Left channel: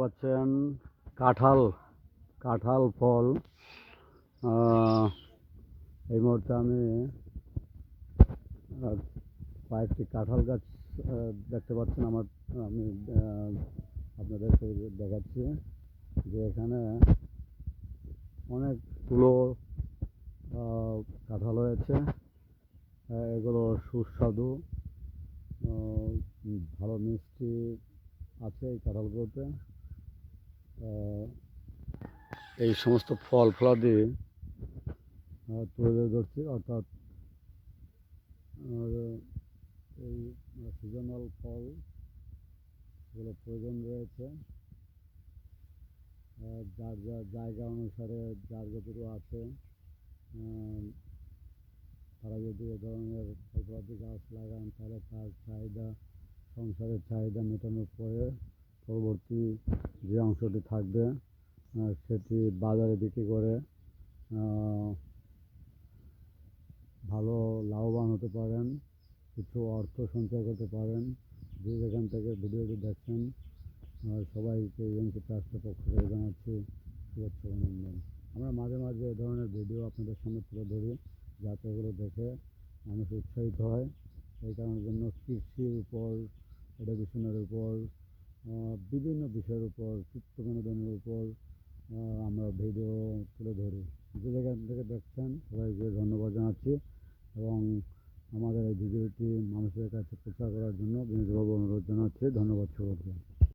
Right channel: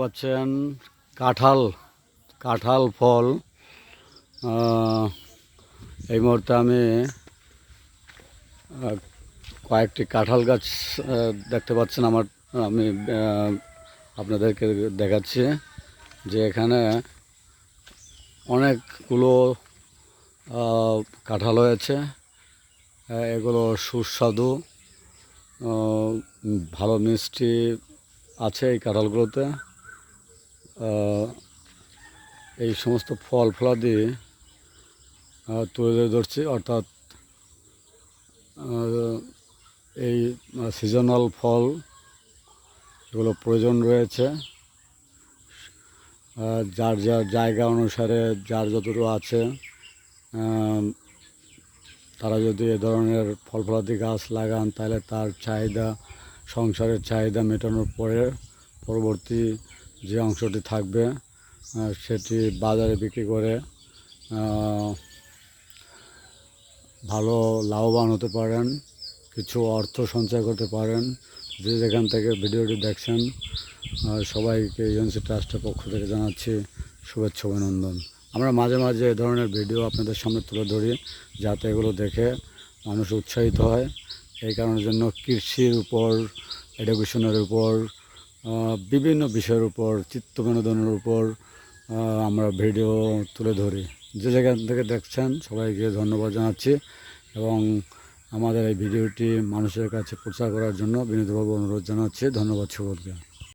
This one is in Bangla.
পাচ্ছেন কাঁঠাল কাঁঠাল ফল। এই মুহূর্তে আমি কয়েকটি কাঁঠাল গাছ দেখতে পাচ্ছেন আমার, আমি আপনাদেরকে দেখাচ্ছি যে এখানে অনেকগুলো কাঁঠাল হয়েছে। এগুলো সুস্বাদু ভালো মিষ্টি আছে এই কাঁঠালগুলোতে। এই সমস্ত ফল ফলাদি আহ, তুলে ধরছি অর্থাৎ এই সিজনাল ফল এগুলো প্রয়োজন রয়েছে যার যার জায়গা অনুসারে যার যতটুকু আছে তারা যদি এ ধরনের ফল ফলাদি গাছ লাগান তাহলে তার চাহিদা সংসারের চাহিদা মেটানোর পরে পরবর্তী যে অংশটি থাকবে সেটি বাজারে বিক্রি করে ভালো লাভবান হতে পারেন, কিছু অর্থ সঞ্চয় করতে পারেন। যে যেখান থেকে ভিডিওটি দেখছেন সবাইকে ইউএনসি ট্রাস্টের পক্ষ থেকে জানাচ্ছি শুভেচ্ছা, অভিনন্দন। আমরা মাঝে মাঝে এ ধরনের ভিডিও আপনাদের সামনে তুলে ধরি, যাতে এগুলো দেখে মানুষ উৎসাহিত হয়। এই কারণের জন্য কৃষির উপর এডুকেশনের উপর বিভিন্ন বিষয়ের উপর, চিত্ত বিনোদনের উপর আমরা ভিডিও তুলে ধরি। যে জায়গা থেকে দেখছেন, সবাইকে ধন্যবাদ জানাচ্ছি এবং আমাদের এই ভিডিওটি মানুষের কাছে প্রচার করার জন্য বিনীতভাবে অনুরোধ জানাচ্ছি। ধন্যবাদ সকলকে।